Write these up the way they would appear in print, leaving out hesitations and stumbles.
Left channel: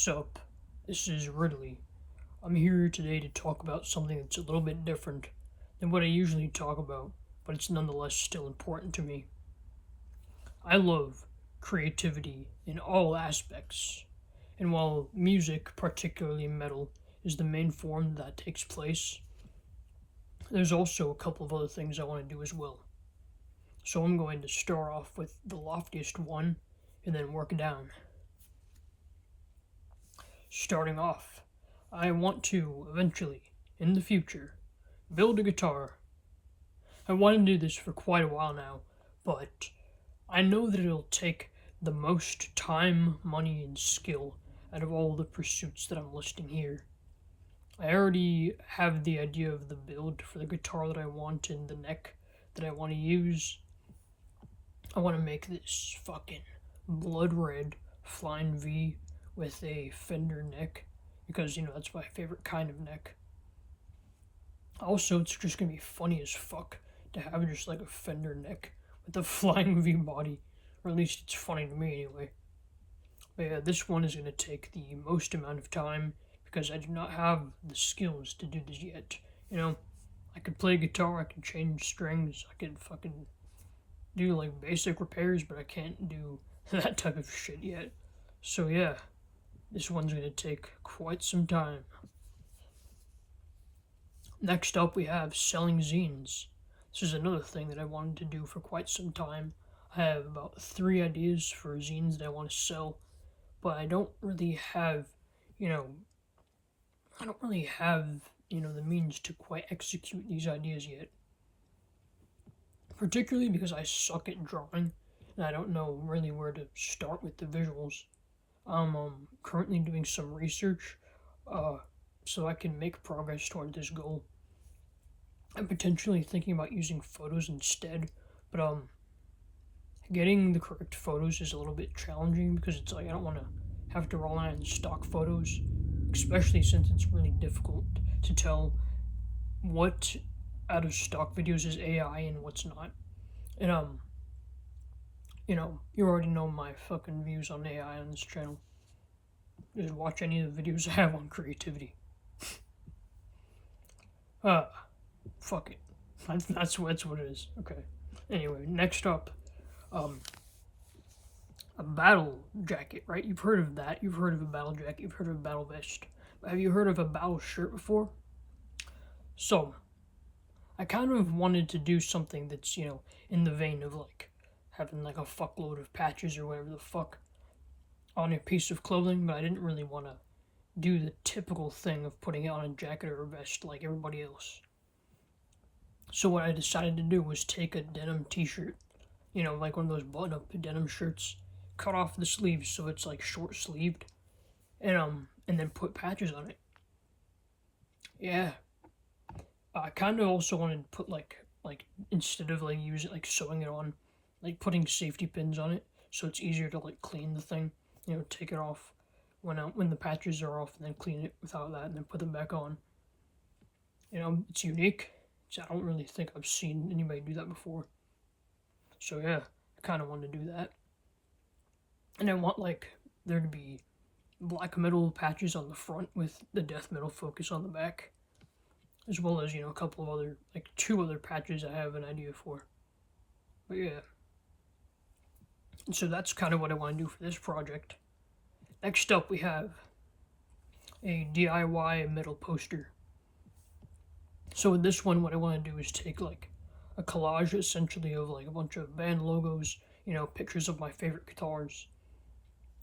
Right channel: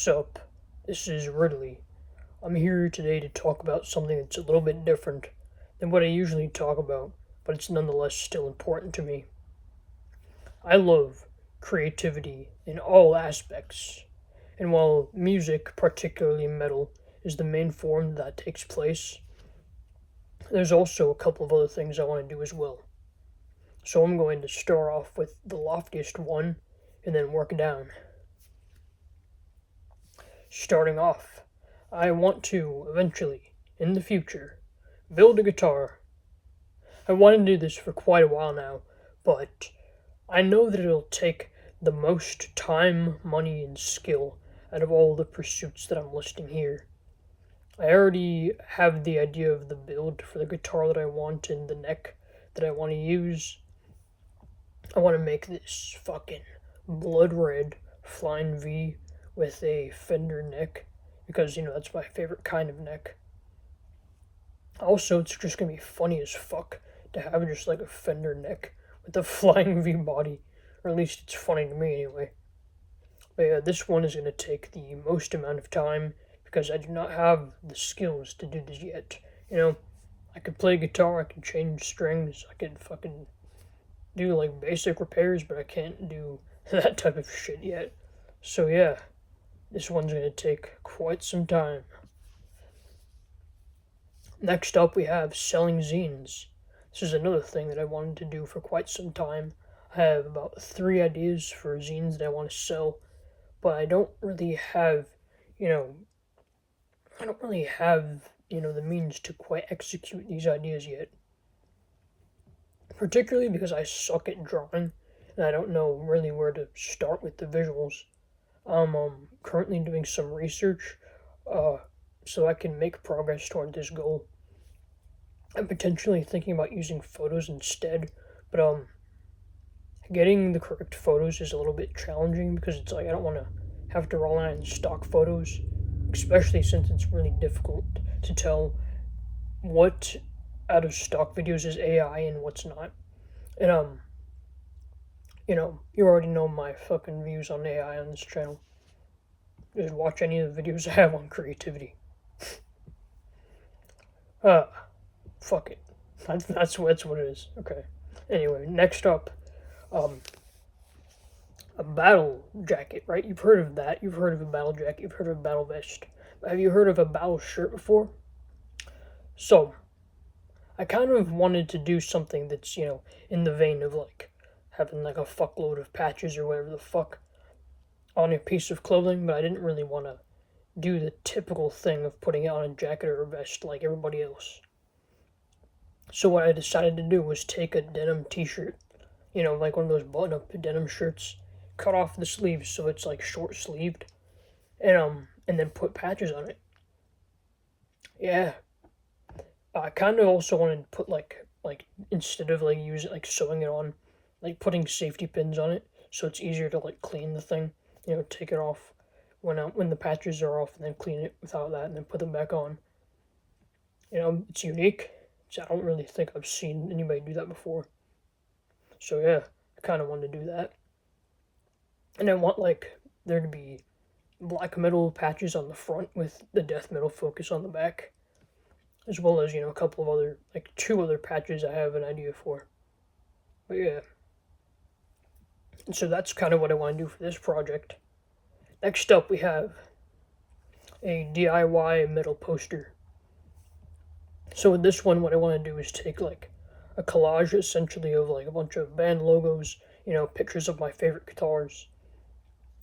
What's up? This is Ridley. I'm here today to talk about something that's a little bit different than what I usually talk about, but it's nonetheless still important to me. I love creativity in all aspects, and while music, particularly metal, is the main form that takes place, there's also a couple of other things I want to do as well. So I'm going to start off with the loftiest one and then work down. Starting off, I want to eventually, in the future, build a guitar. I want to do this for quite a while now, but I know that it'll take the most time, money, and skill out of all the pursuits that I'm listing here. I already have the idea of the build for the guitar that I want and the neck that I want to use. I want to make this fucking blood red flying V with a fender neck because, that's my favorite kind of neck. Also, it's just gonna be funny as fuck to have just like a fender neck with a flying V body, or at least it's funny to me anyway. But yeah, this one is gonna take the most amount of time because I do not have the skills to do this yet. I could play guitar, I can change strings, I can fucking do like basic repairs, but I can't do that type of shit yet. So yeah, this one's going to take quite some time. Next up, we have selling zines. This is another thing that I wanted to do for quite some time. I have about 3 ideas for zines that I want to sell, but I don't really have, you know, the means to quite execute these ideas yet. Particularly because I suck at drawing, and I don't know really where to start with the visuals. I'm currently doing some research so I can make progress toward this goal. I'm potentially thinking about using photos instead, but getting the correct photos is a little bit challenging because it's like I don't want to have to rely on stock photos, especially since it's really difficult to tell what out of stock videos is AI and what's not. And you already know my fucking views on AI on this channel. Just watch any of the videos I have on creativity. Uh, Fuck it. That's what it is. Okay. Anyway, next up, um, a battle jacket, right? You've heard of that. You've heard of a battle jacket. You've heard of a battle vest. But have you heard of a battle shirt before? So, I kind of wanted to do something that's, in the vein of like having like a fuckload of patches or whatever the fuck on a piece of clothing, but I didn't really want to do the typical thing of putting it on a jacket or a vest like everybody else. So what I decided to do was take a denim t-shirt, like one of those button-up denim shirts, cut off the sleeves so it's like short-sleeved, and then put patches on it. Yeah, I kind of also wanted to put like instead of like using like sewing it on, like putting safety pins on it so it's easier to like clean the thing. Take it off when the patches are off and then clean it without that and then put them back on. It's unique. So I don't really think I've seen anybody do that before. So yeah, I kind of wanted to do that. And I want like there to be black metal patches on the front with the death metal focus on the back, as well as a couple of other like 2 other patches I have an idea for. But yeah, and so that's kind of what I want to do for this project. Next up, we have a DIY metal poster. So with this one, what I want to do is take like a collage essentially of like a bunch of band logos, pictures of my favorite guitars,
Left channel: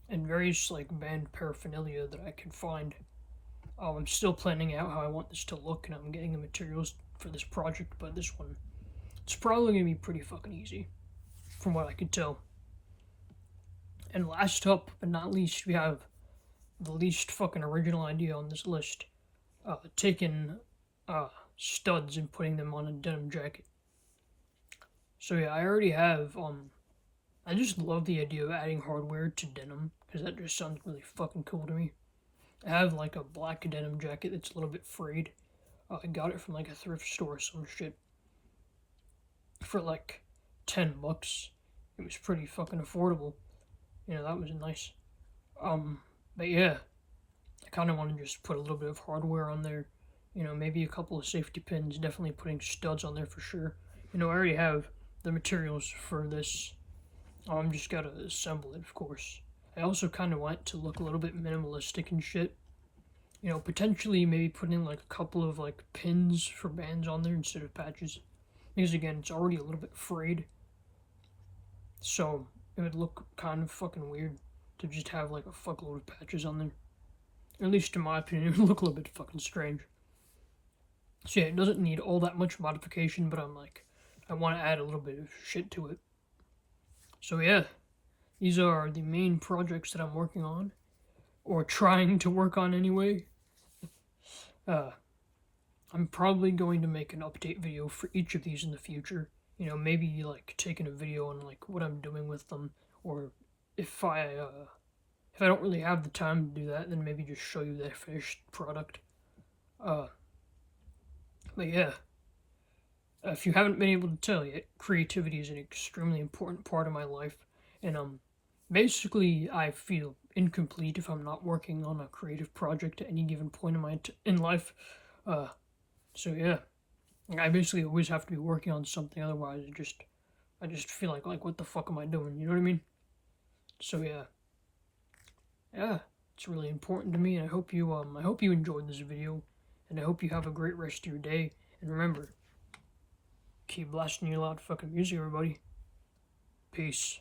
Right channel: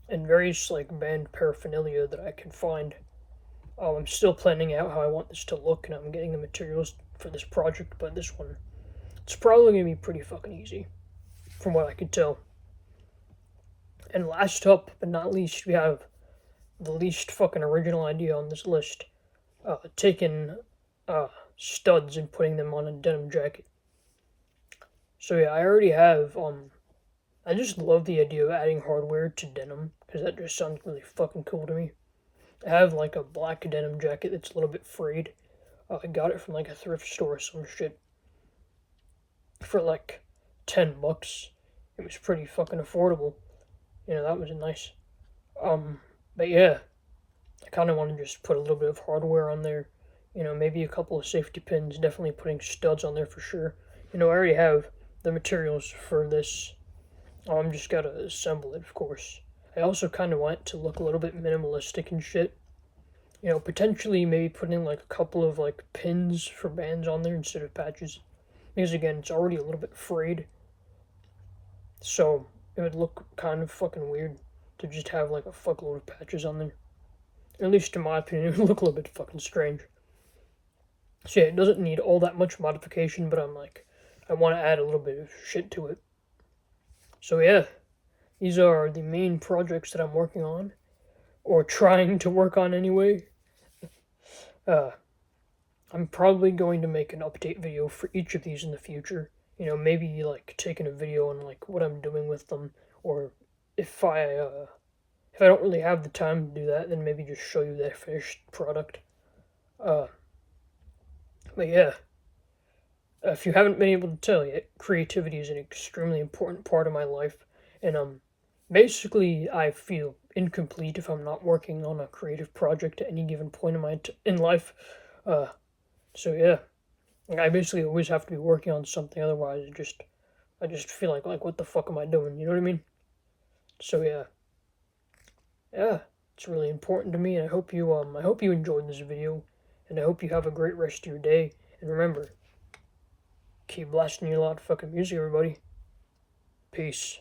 and various like band paraphernalia that I can find. I'm still planning out how I want this to look, and I'm getting the materials for this project, but this one, it's probably going to be pretty fucking easy, from what I can tell. And last up, but not least, we have the least fucking original idea on this list, taking studs and putting them on a denim jacket. So yeah, I already have, I just love the idea of adding hardware to denim, because that just sounds really fucking cool to me. I have like a black denim jacket that's a little bit frayed. I got it from like a thrift store or some shit for like $10. It was pretty fucking affordable. That was nice. But yeah, kind of want to just put a little bit of hardware on there. You know, maybe a couple of safety pins, definitely putting studs on there for sure. You know, I already have the materials for this. I'm just gotta assemble it, of course. I also kind of want to look a little bit minimalistic and shit. You know, potentially maybe putting like a couple of like pins for bands on there instead of patches. Because again, it's already a little bit frayed. So it would look kind of fucking weird to just have like a fuckload of patches on there. At least in my opinion, it would look a little bit fucking strange. So yeah, it doesn't need all that much modification, but I'm like, I want to add a little bit of shit to it. So yeah, these are the main projects that I'm working on, or trying to work on anyway. Uh, I'm probably going to make an update video for each of these in the future. You know, maybe like taking a video on like what I'm doing with them, or if I don't really have the time to do that, then maybe just show you the finished product. Uh, but yeah, if you haven't been able to tell yet, creativity is an extremely important part of my life, and basically I feel incomplete if I'm not working on a creative project at any given point in life. Uh, so yeah, I basically always have to be working on something, otherwise I just feel like what the fuck am I doing? You know what I mean? So yeah, it's really important to me, and I hope you enjoyed this video, and I hope you have a great rest of your day. And remember, keep blasting your loud fucking music, everybody. Peace.